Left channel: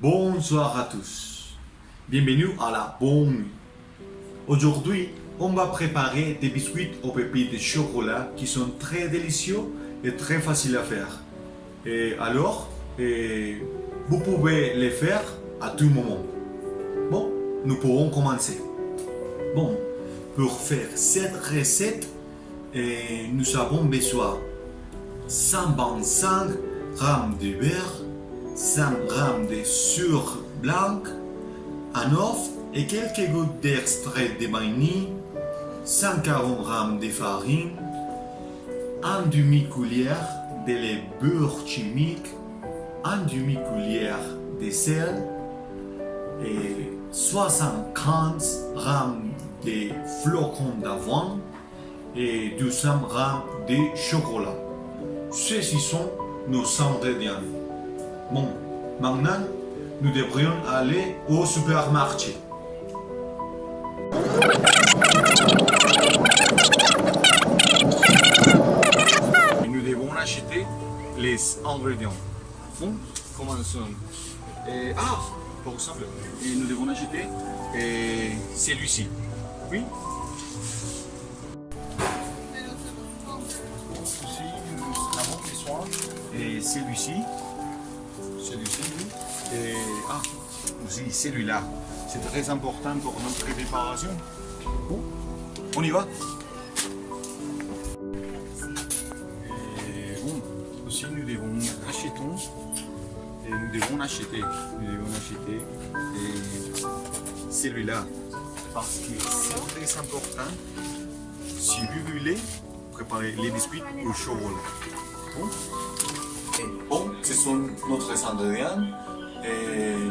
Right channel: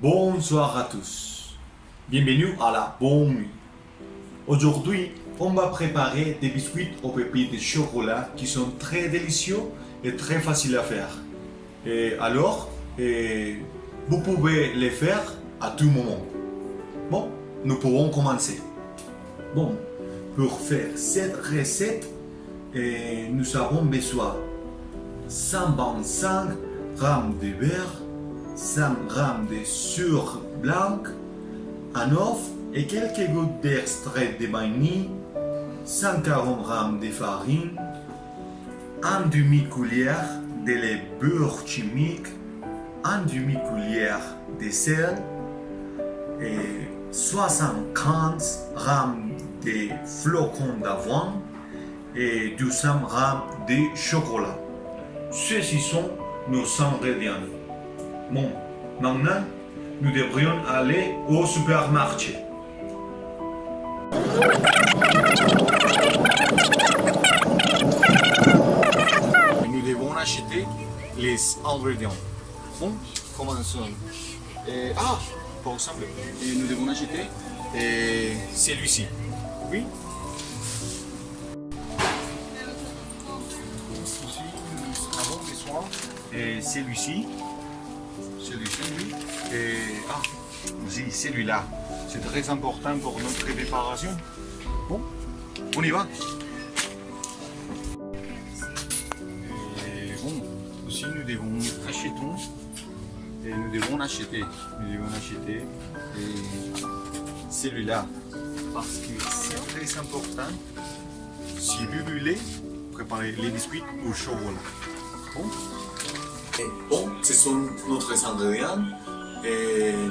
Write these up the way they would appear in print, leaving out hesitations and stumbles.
Bonsoir à tous. Bienvenue à la bonne nuit. Aujourd'hui, on va préparer des biscuits aux pépites de chocolat qui sont très délicieux et très faciles à faire. Et alors, vous pouvez les faire à tout moment. Bon, nous pouvons commencer. Bon, pour faire cette recette, nous avons besoin 125 g de beurre, 100 g de sucre blanc, un œuf et quelques gouttes d'extrait de vanille, 140 g de farine, un demi-cuillère de lait beurre chimique, un demi-cuillère de sel et 75 g de flocons d'avoine et 200 g de chocolat. Ceux-ci sont nos ingrédients. Bon, maintenant, nous devrions aller au supermarché. Nous devons acheter les ingrédients. Bon, commençons. Par exemple, nous devons acheter celui-ci. Oui. Aussi, nous avons besoin de celui-ci. Celui-ci, oui. Et aussi celui-là. C'est très important pour notre préparation. Bon, on y va. Et bon, aussi nous devons acheter. Et nous devons acheter celui-là parce que c'est très important si vous voulez préparer les biscuits au chocolat. Bon, ce sont nos ingrédients.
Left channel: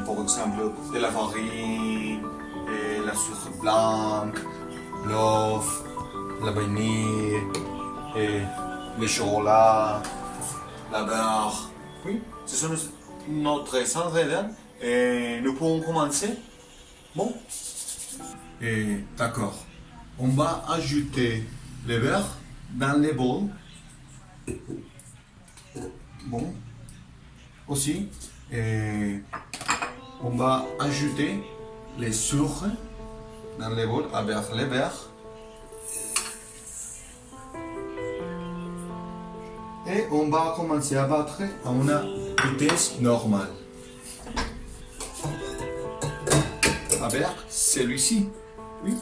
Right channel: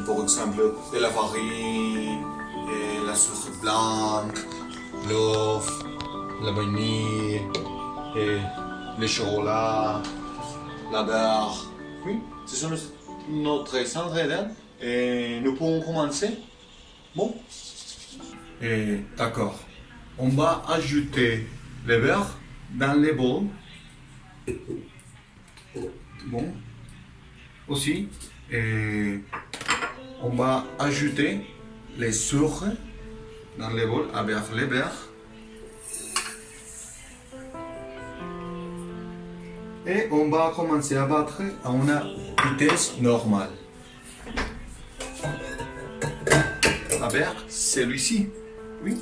Par exemple, de la farine, la sucre blanc, l'œuf, la vanille, le chocolat, la beurre. Oui, ce sont notre ingrédients. Et nous pouvons commencer. Bon. D'accord. On va ajouter le beurre dans le bol. Bon. Aussi, on va ajouter les sucres dans le bol avec le beurre. Et on va commencer à battre à une vitesse normale. Avec celui-ci. Oui.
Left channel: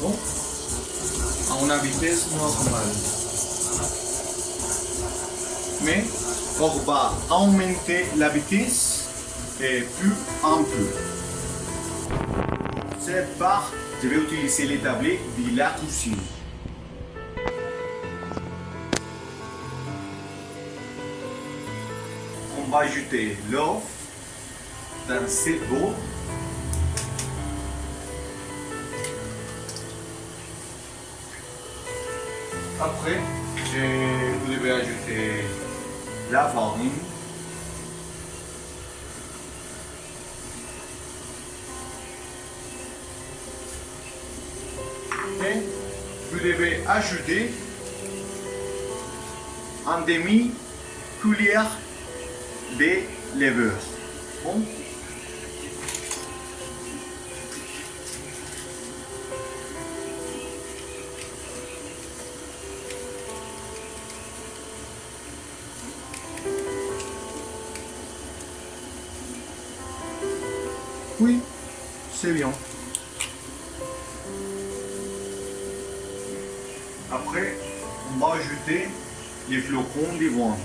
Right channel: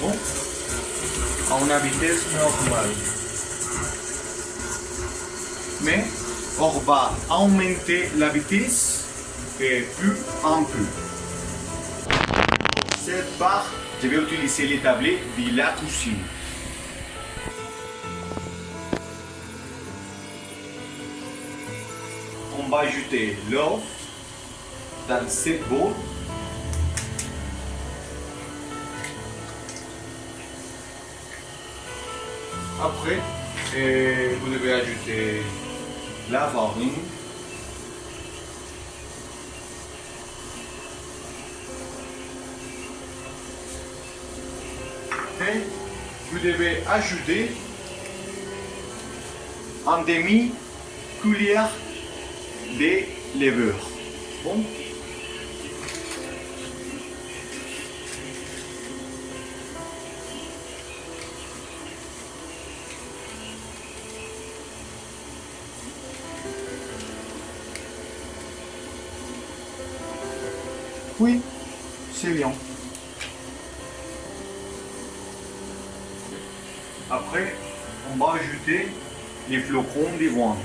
Bon. À une vitesse normale. Mais on va augmenter la vitesse plus en plus. Cette part, je vais utiliser les tablets de la cuisine. On va ajouter l'œuf dans cette bol. Après, vous devez ajouter la farine. Et vous devez ajouter un demi-cuillère de levure. Bon. Oui, c'est bien. Après, on va ajouter les flocons d'avoine.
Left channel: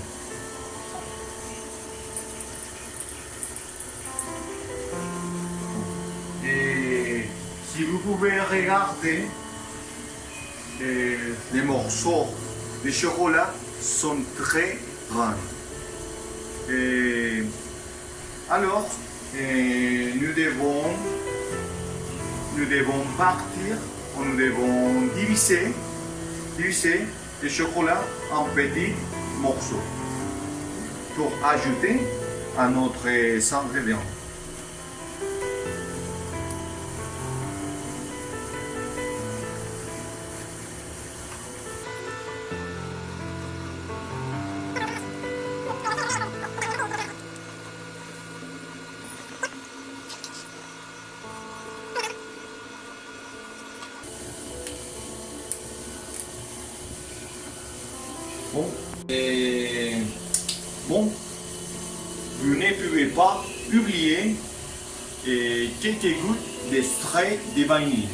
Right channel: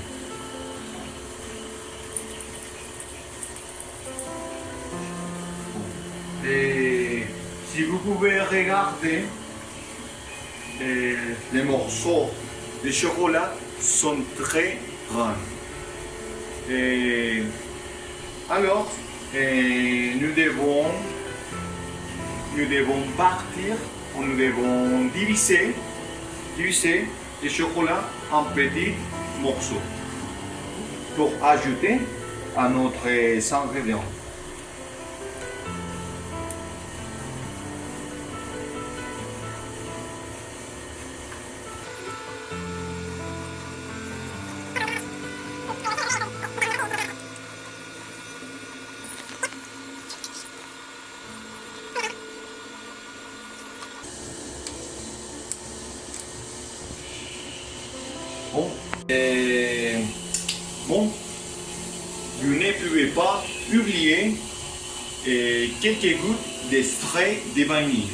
Et si vous pouvez regarder, les morceaux de chocolat sont très grands. Et alors, nous devons partir, nous devons diviser le chocolat en petits morceaux pour ajouter à notre ingrédient. Bon, et bon, vous ne pouvez pas oublier quelques gouttes d'extrait de vanille.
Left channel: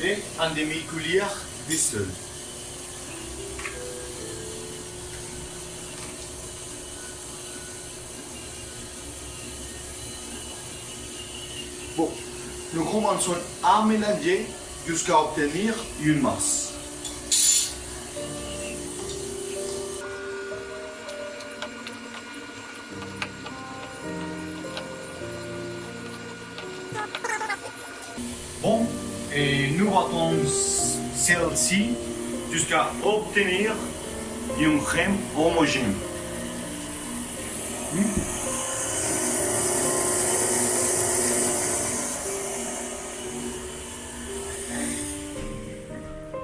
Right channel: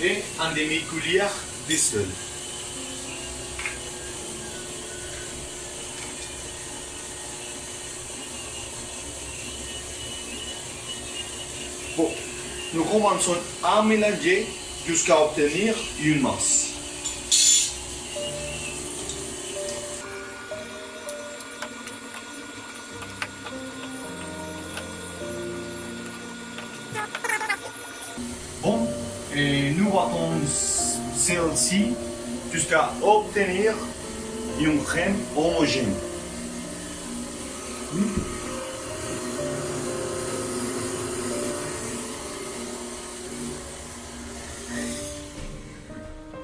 Et un demi-cuillère de sel. Bon, nous commençons à mélanger jusqu'à obtenir une masse. Bon, et nous battons celle-ci jusqu'à obtenir une crème homogène.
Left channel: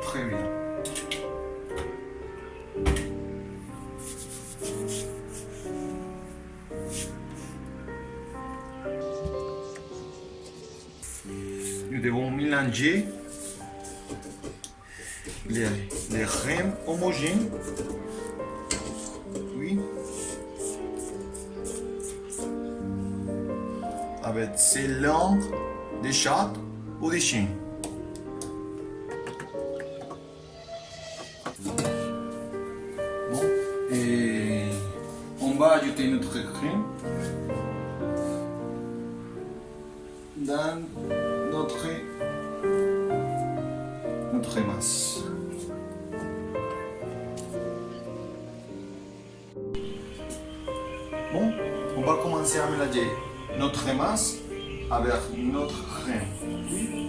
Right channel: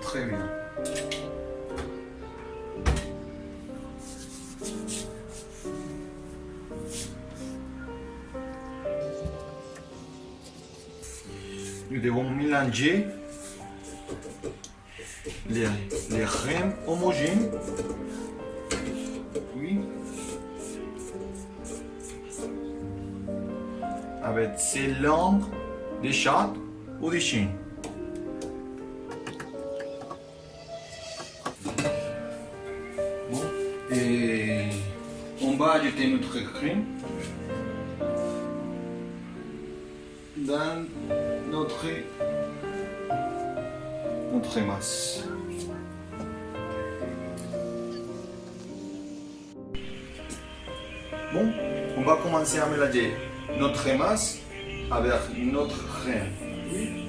Très bien. Nous devons mélanger les crèmes homogènes. Oui. Avec ces langues de chat ou de chien. Bon, et on va ajouter notre crème dans notre masse. Bon, on va commencer à mélanger notre masse avec notre crème. Oui.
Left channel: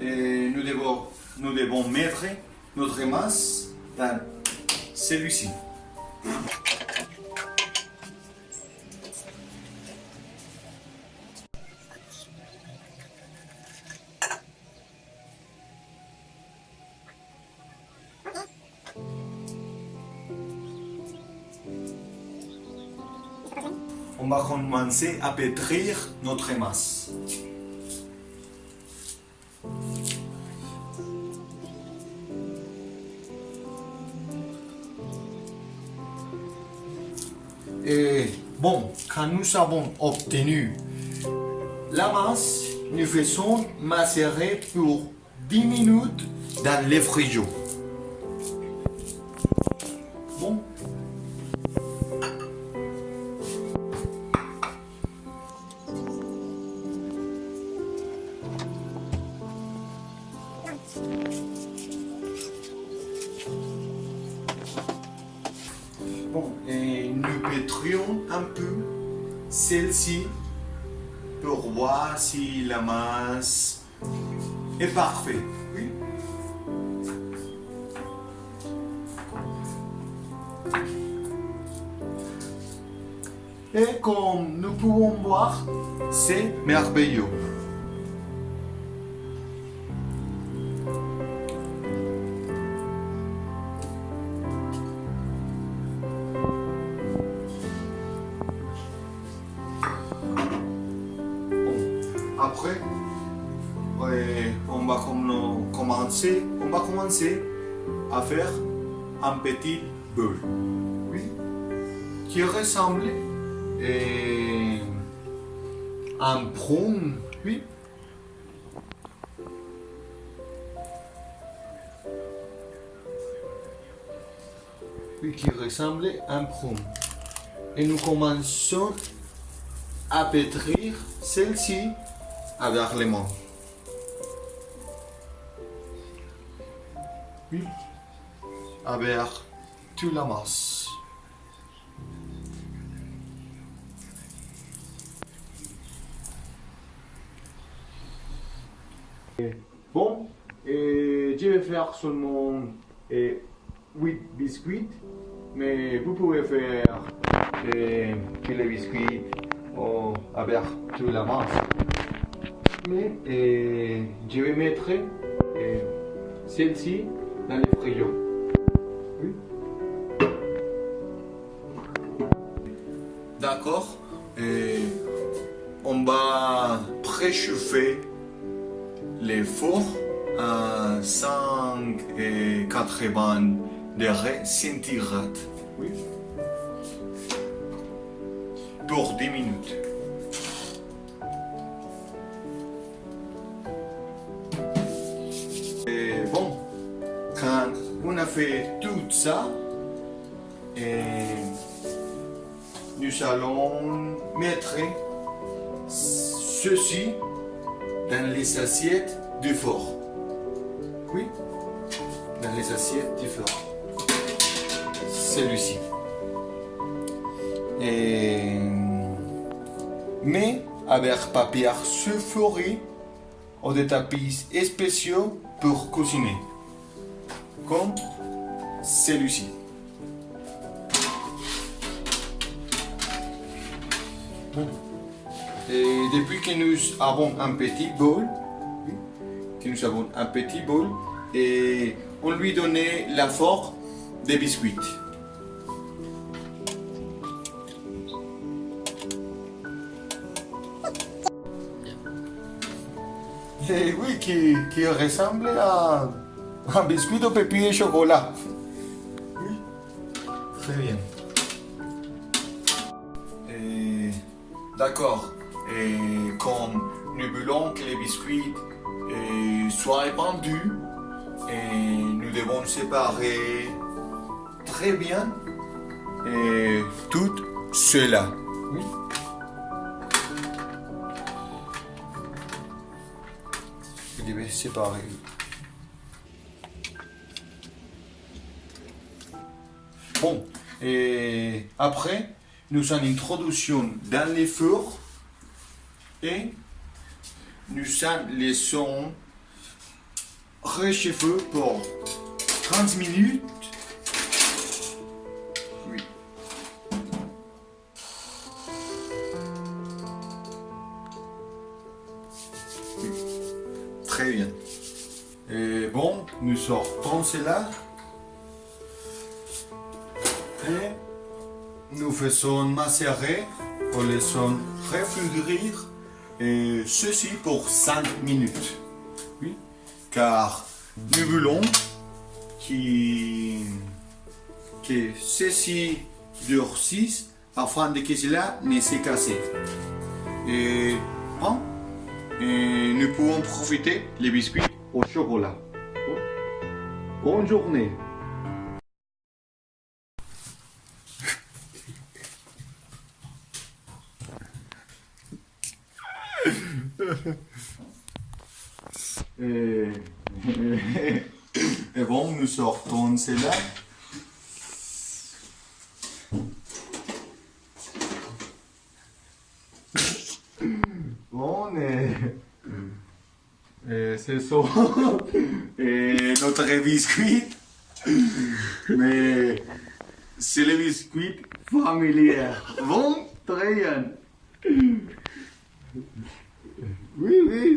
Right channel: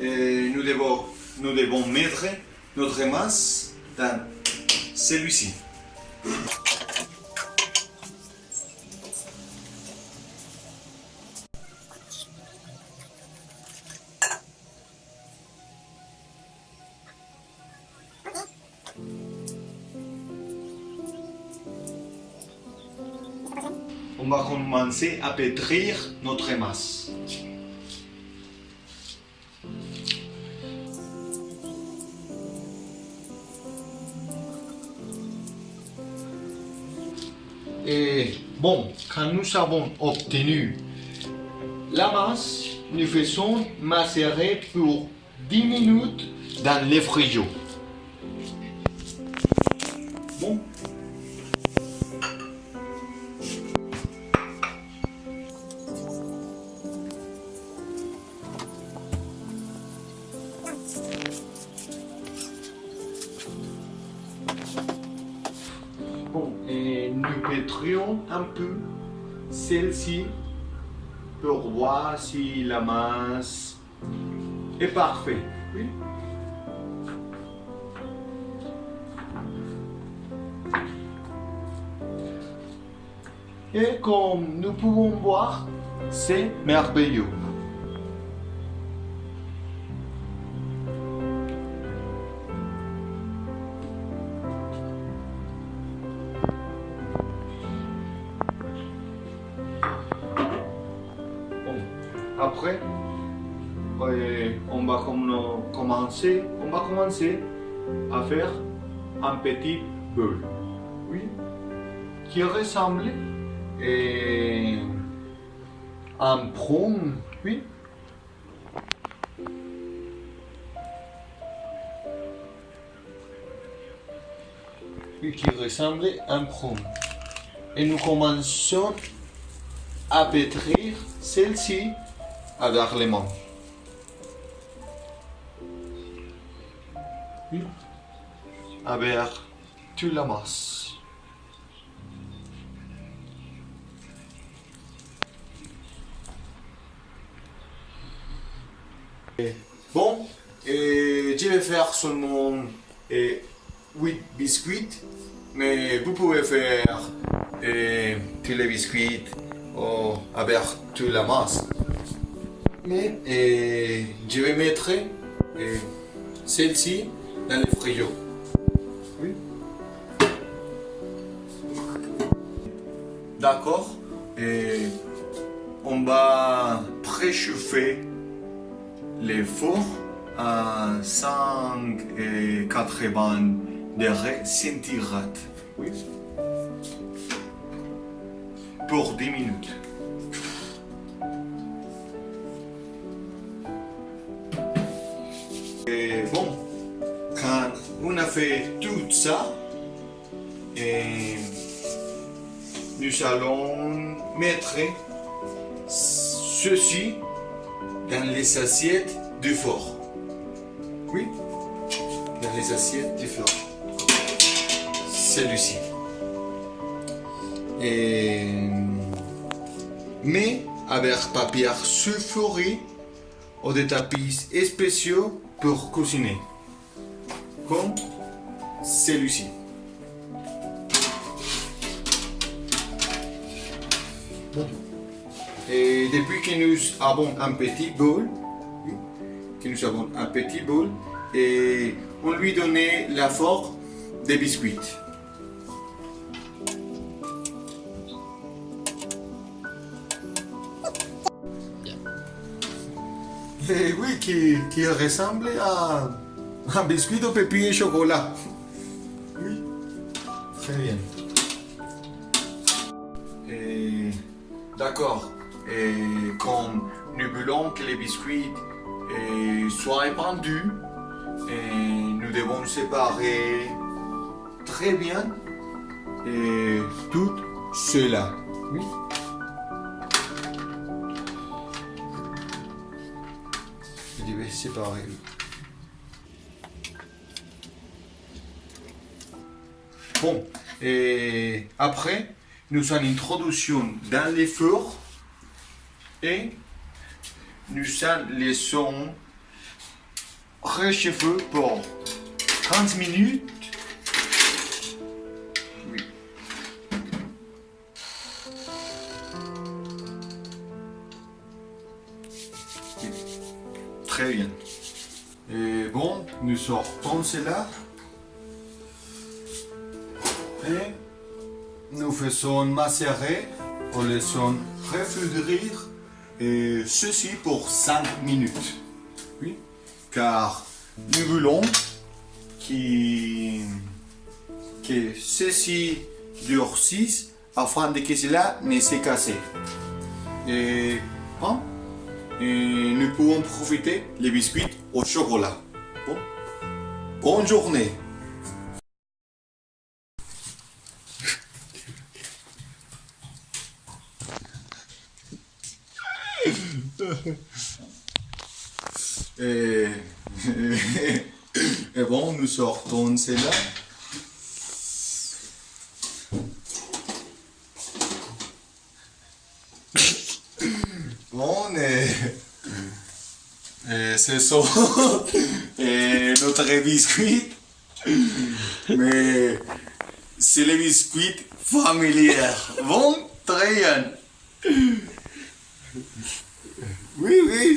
Et nous devons mettre notre masse dans celui-ci. On va commencer à pétrir notre masse. Et bon, quand nous avons obtenu la masse, nous faisons macérer pour 10 minutes dans le frigo. Bon. Bon, et nous pétrions un peu celle-ci pour voir si la masse est parfaite. Oui. Et comme nous pouvons voir, c'est merveilleux. Après, on va commencer à faire un petit bol, oui, qui ressemble à un prune, oui. Oui, qui ressemble à un prune. Et nous commençons à pétrir celle-ci avec les mains. Oui. Avec toute la masse. Bon, et je vais faire seulement 8 biscuits, mais vous pouvez faire tous les biscuits ou avec toute la masse. Mais je vais mettre celle-ci dans le frigo. Oui. D'accord. On va préchauffer les fours à 180 degrés centigrades. Oui. Pour 10 minutes. Et bon, quand on a fait tout ça, nous allons mettre ceci dans les assiettes du four. Oui, dans les assiettes du four. Celui-ci. Mais avec papier sulfuré ou des tapis spéciaux pour cuisiner. Comme celui-ci. Bon. Et depuis que nous avons un petit bol, et on lui donnait la forme des biscuits. Et oui, qui ressemble à un biscuit au pépins et chocolat. Oui, très bien. D'accord. Et comme nous voulons que les biscuits soient répandus, nous devons séparer très bien tout cela. Oui. Je vais séparer. Bon, et après, nous avons une introduction dans les fours et nous les laissons réchauffer pour 30 minutes. Oui. Oui. Très bien. Et bon, nous sortons cela. Et nous faisons macérer, ou laissons refroidir et ceci pour 5 minutes. Oui, car nous voulons que ceci durcisse afin que cela ne se casse. Et nous pouvons profiter les biscuits au chocolat. Bon. Bonne journée. Et bon, nous sortons cela. Bon, ce sont notre biscuit, mais c'est les biscuits familiers. Bon, très bien. Oui, oui.